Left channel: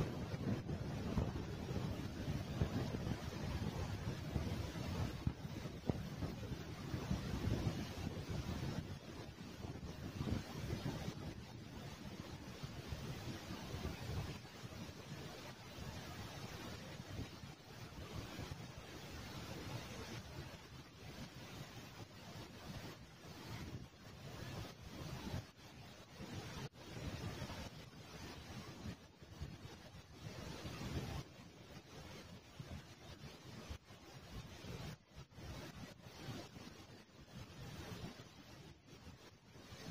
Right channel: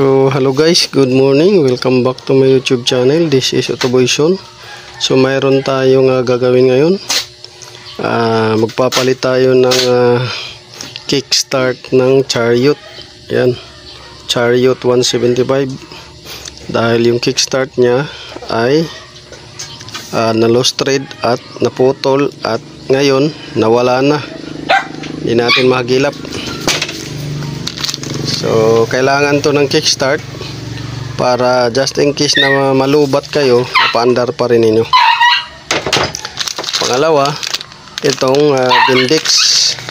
So hello guys, good morning, welcome back to my YouTube channel. This is Otoboyson. So mayroon tayong gagawin ngayon. Magpapalit tayo ng kickstart ng Chariot. Yan, Chariot 175. Dahil yung kickstart nya ay na-lost thread at naputol at ngayon nawala na. Hindi natin mahagilap. So kailangan to ng kickstart para just in case na malubat kayo, mapaandar pa rin ninyo. Pangalawa, itong Bendix,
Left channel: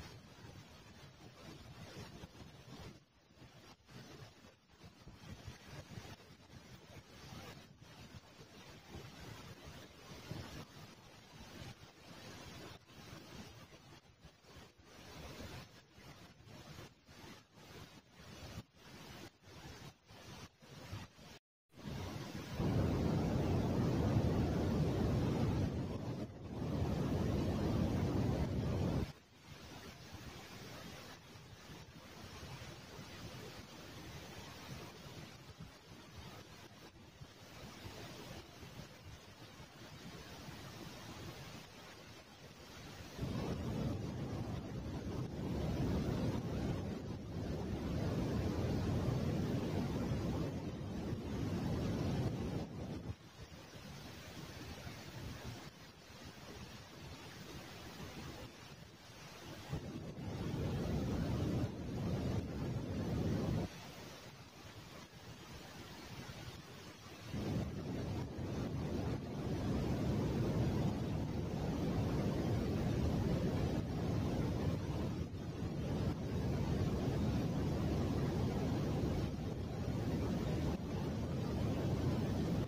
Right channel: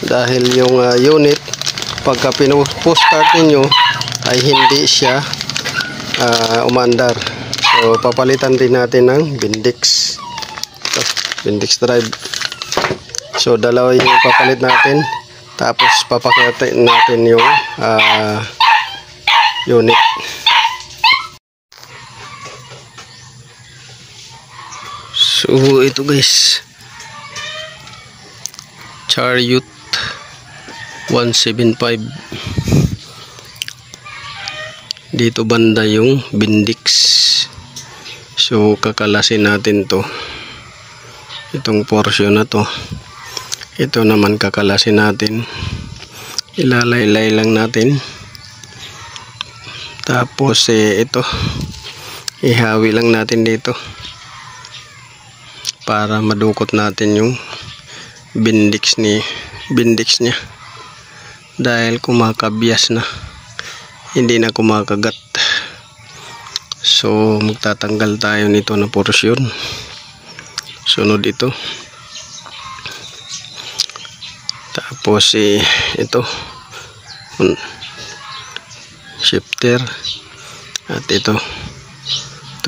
dahil yung unit pagka pinupo-start ninyo ay hindi siya umandar. So papalitan din natin ng Bendix. Ito, Bendix drive. So dalawa yung papalit natin. Tapos papakitin natin yung unit. So ito guys, Chariot 175. Dito banda yung Bendix. So kakalasin natin to. Itong portion na to. Ito naman kakalasin natin. Ilalaylay lang natin. Tapos ito ihawi lang natin dito para madukot natin yung Bendix nya. Dahil kumakabyas na. Hindi na kumakagat. So magtatanggal tayo nito na porsyon. Sunod ito. Tapos ito shifter at ito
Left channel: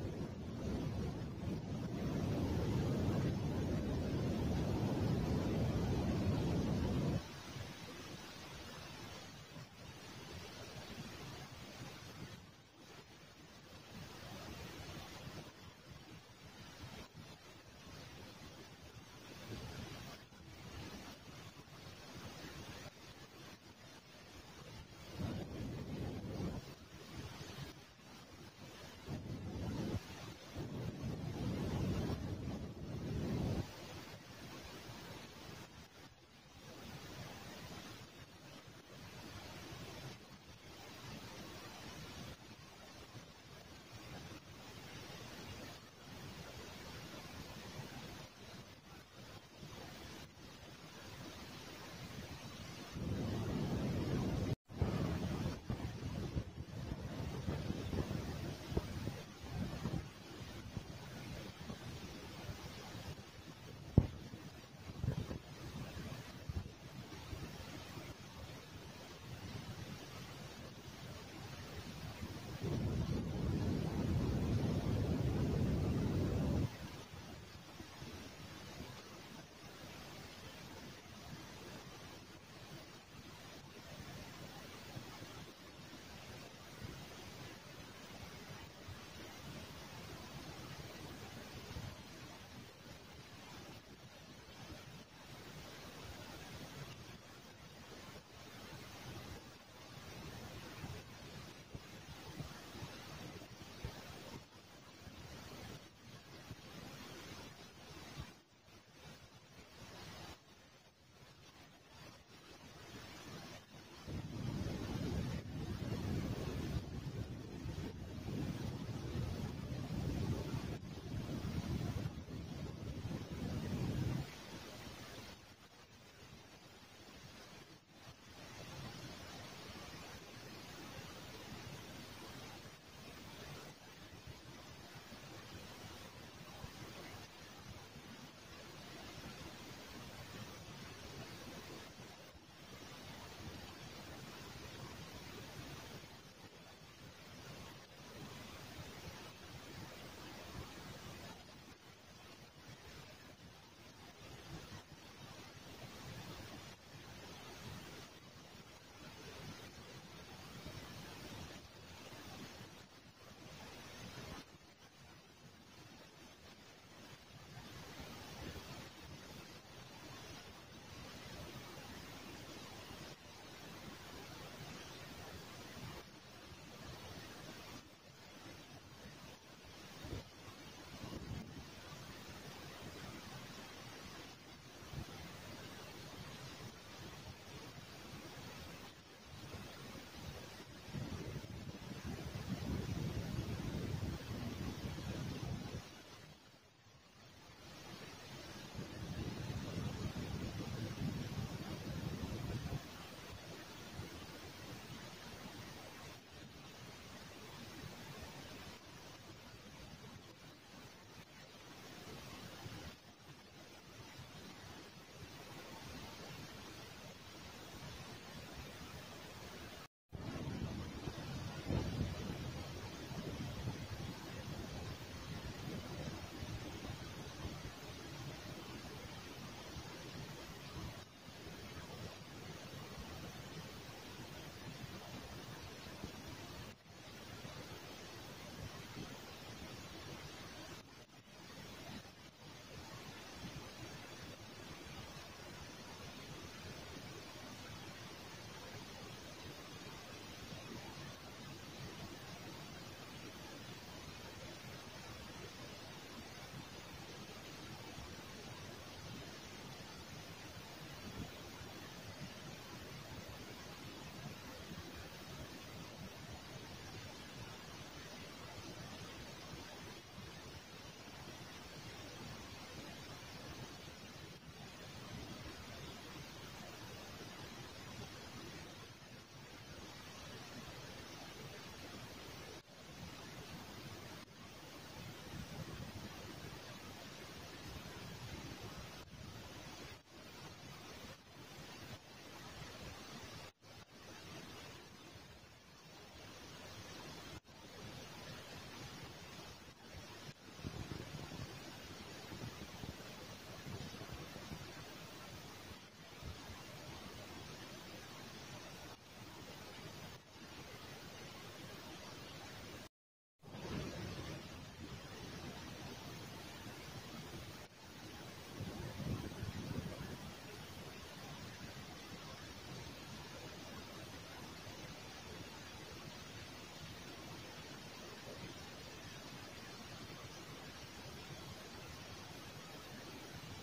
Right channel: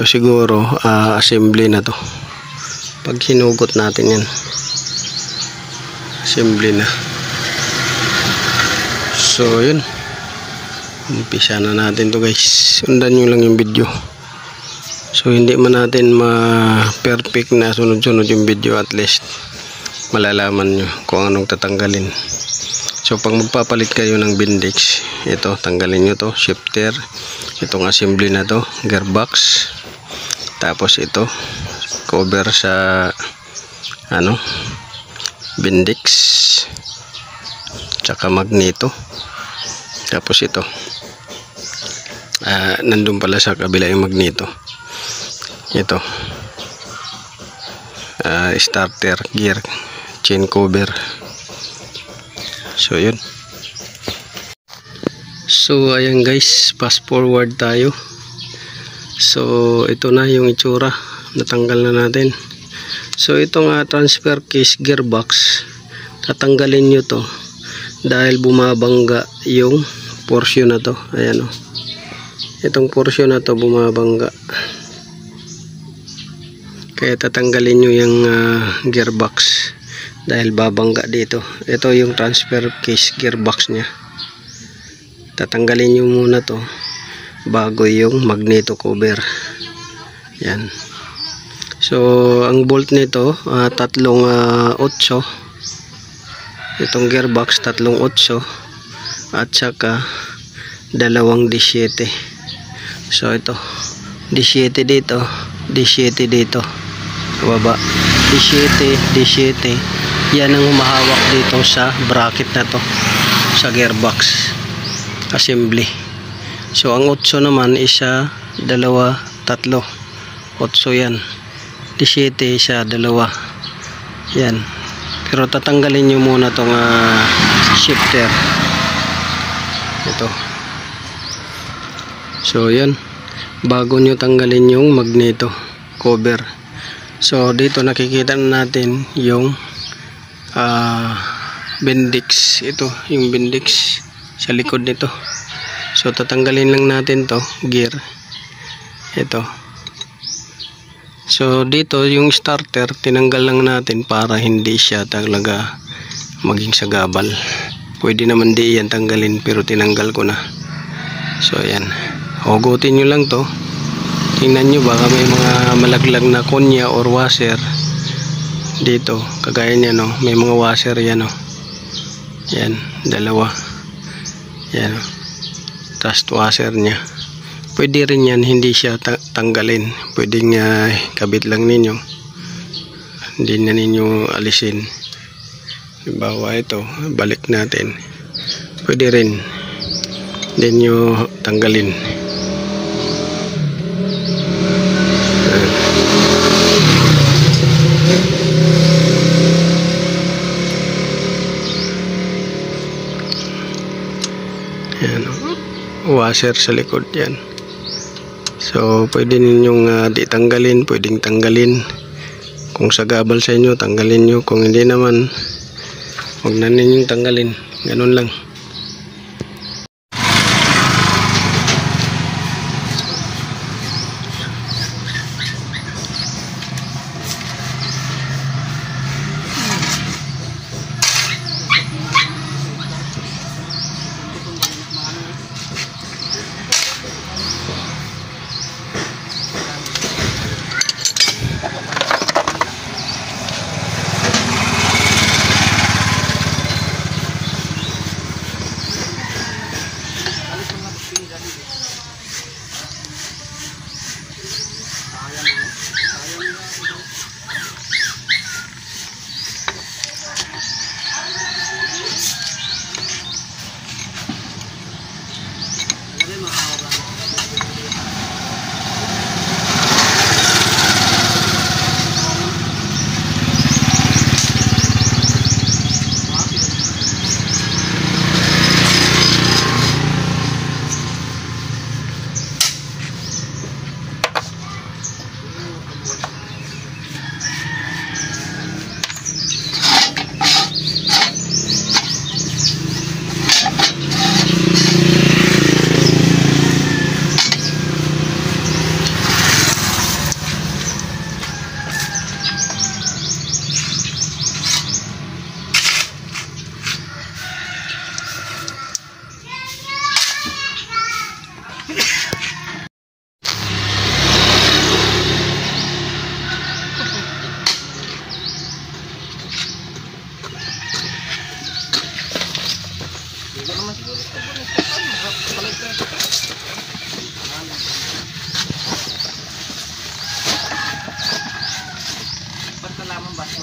siguro assembly na to. Pag hinugot natin yan, assembly na. So yun, umpisa na natin to guys. Sundan nyo lang yung video. So hindi man natin ma-perfect na sunod-sunod yung video, at least malalaman nyo kung anong tatanggalin. So pag magpapalit kayo ng Bendix, ito tanggalin nyo to, shifter, itong assembly na to, gearbox, tapos ito cover sa Bendix, tsaka magneto, tapos ito nandun pala sa kabila yung magneto. Ito starter gear, chain cover. So yun. So ayan guys, fast forward tayo. So ito na yung itsura, natanggal na natin. So itong transfer case gearbox, tatanggalin nyo to dahil bumabangga yung portion na to. Ayan o, itong portion na to bumabangga, kaya tatanggalin nyo yung gearbox dahil babangga dito. Ito yung transfer case gearbox nya. Tatanggalin nyo muna to bago yung magneto cover. Yan. So ang bolt nito tatlong 8. Itong gearbox tatlong 8 at saka dalawang D7. So ito D7 dito, D7 dito sa baba, D7. Yan ang humahawak dito sa bracket na to, sa gearbox assembly. So ang 8 naman isa, dalawa, tatlo, 8 yan. D7 isa, dalawa. Yan. Pero tatanggalin nyo muna tong shifter. Ito. So yan, bago nyo tanggalin yung magneto cover. So dito nakikita na natin yung Bendix. Ito yung Bendix sa likod nito. So tatanggalin lang natin to gear. Ito. So dito yung starter tinanggal lang natin para hindi siya talaga maging sagabal. Pwede naman di yan tanggalin, pero tinanggal ko na. So ayan, hugutin nyo lang to. Tingnan nyo, baka may mga malaglag na konya or washer dito, kagaya niya no, may mga washer yan no. Yan, dalawa. Yan, trust washer nya. pwede rin yan, hindi siya tanggalin. Pwedeng kabit lang ninyo, hindi na ninyo alisin. Halimbawa ito, balik natin, pwede rin hindi nyo tanggalin. Yan, washer sa likod yan. So pwede ninyong di tanggalin, pwedeng tanggalin. Kung sagabal sa inyo, tanggalin nyo. Kung hindi naman, huwag na ninyong tanggalin. Ganun lang.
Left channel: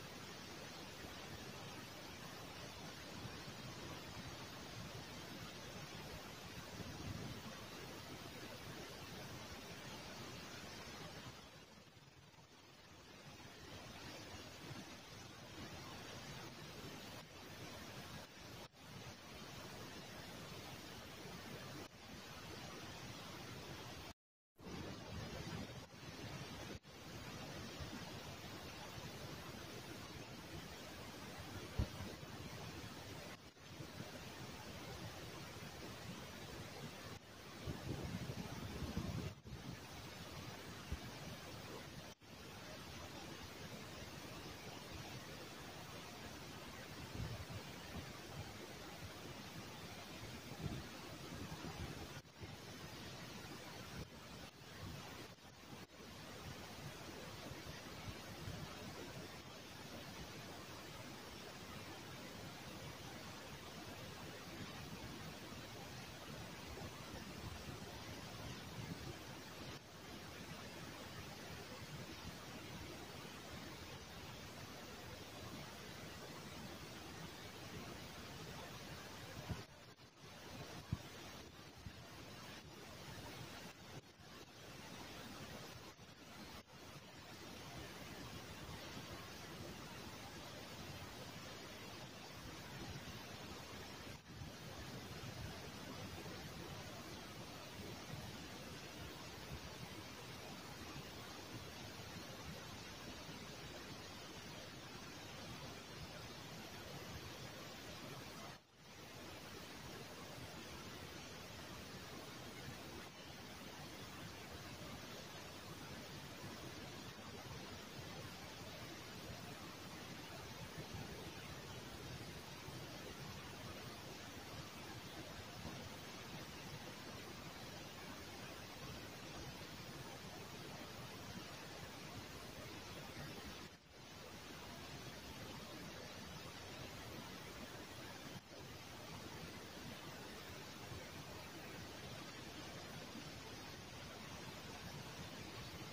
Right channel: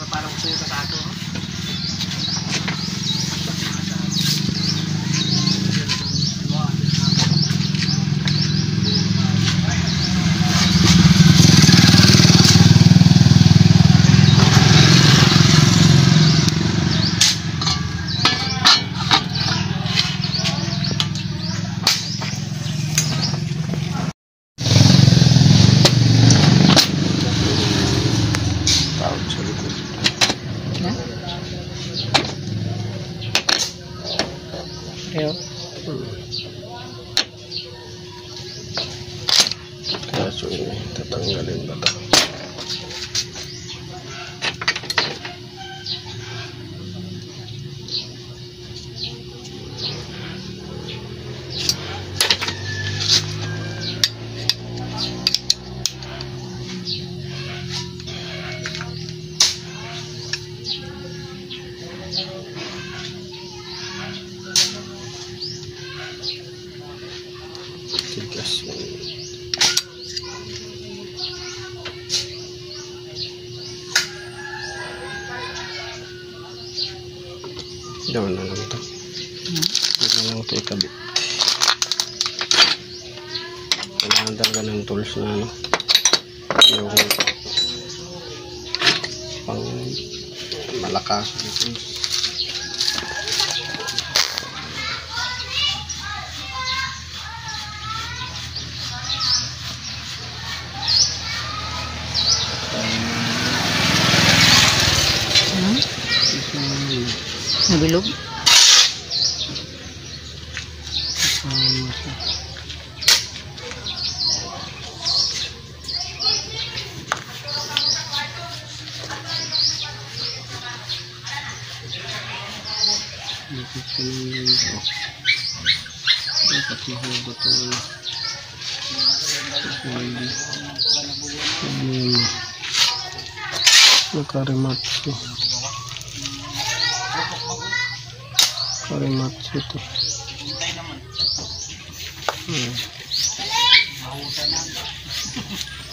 Parang gusto yung katato. Ayo. Kaso ini tatanggalin ba ito? Tigas mo. Dawan na lang ito. Hindi na lang ito ikabit. Kailangan talaga ng tools na ano, yung pang malakas ito. Nabilog. Nakarimatsu. Karimatsu ito.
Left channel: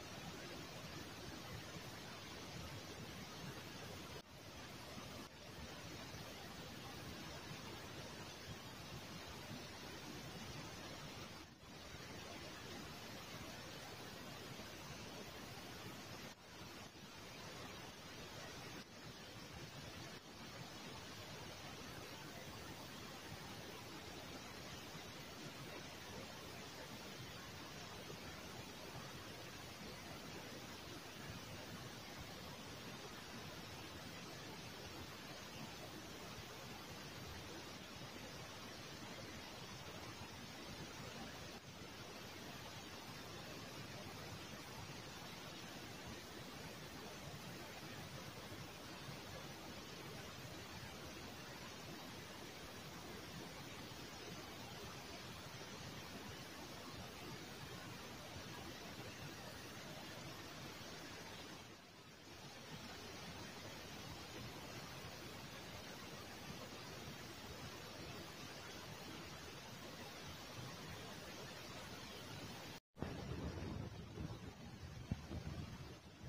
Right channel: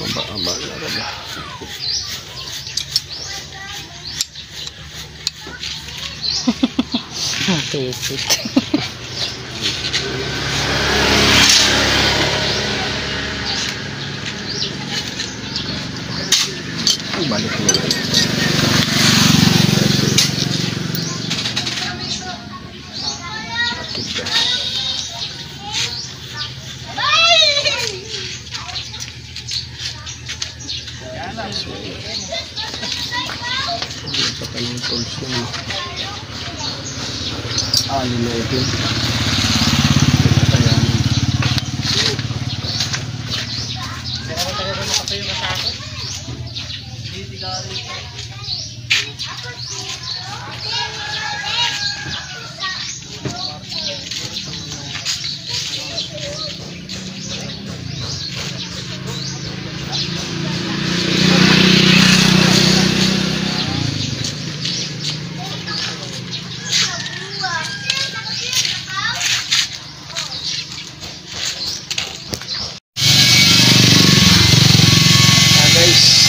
Aba na ba? Tipit. Balik mo lang. Patanong tools yun. Alin na ito.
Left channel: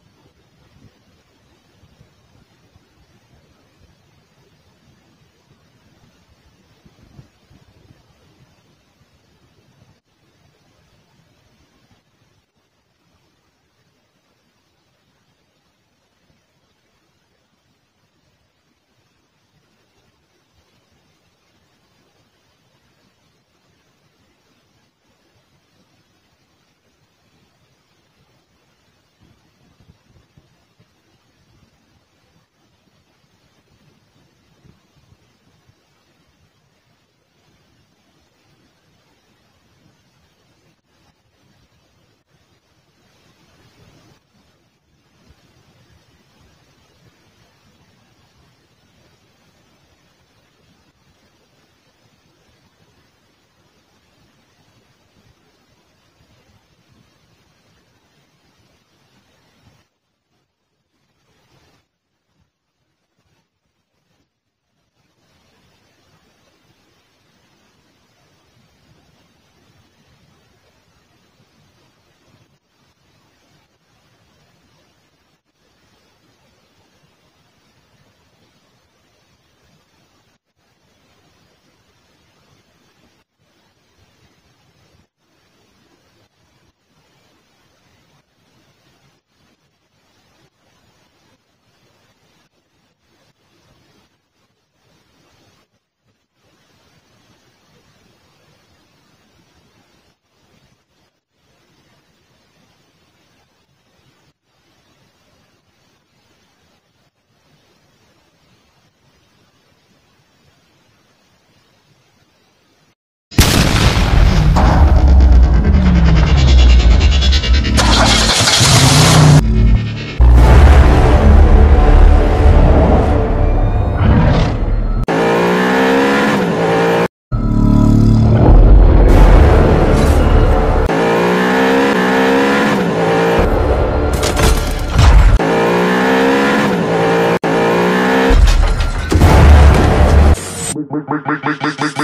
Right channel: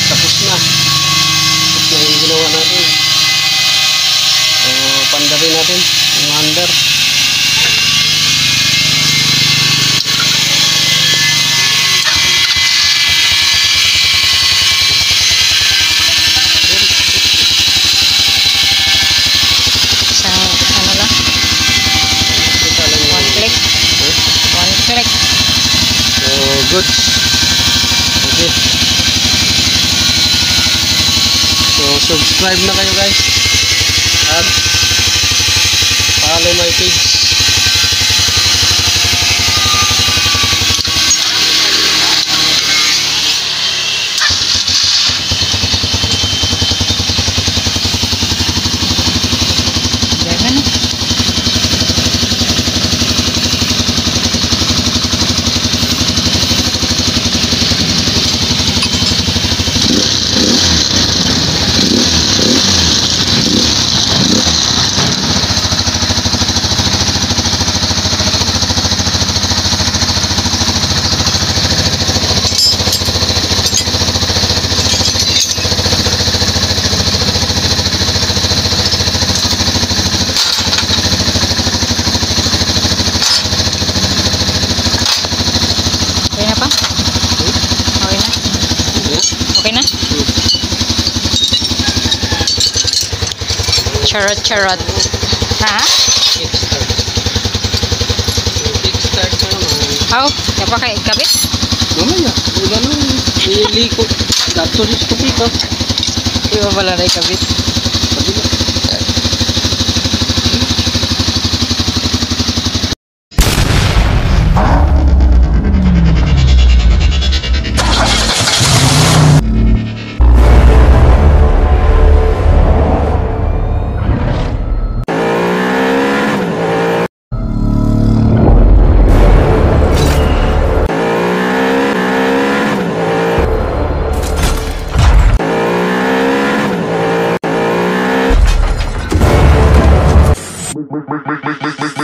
Tapos na yung ginawa natin. So pandarin natin yung under. Isang ano lang? One click. One click. So good. Okay. So subscribe na kayo guys at follow my page. Ganun. Okay na pa? Okay na? Okay na? Charot, charot. Ha? Kickstart na naman. Oh, kapakabit? Mamaya, ganun. Iliko. Dato rin sa kapito. Iba pala na ikabit. Make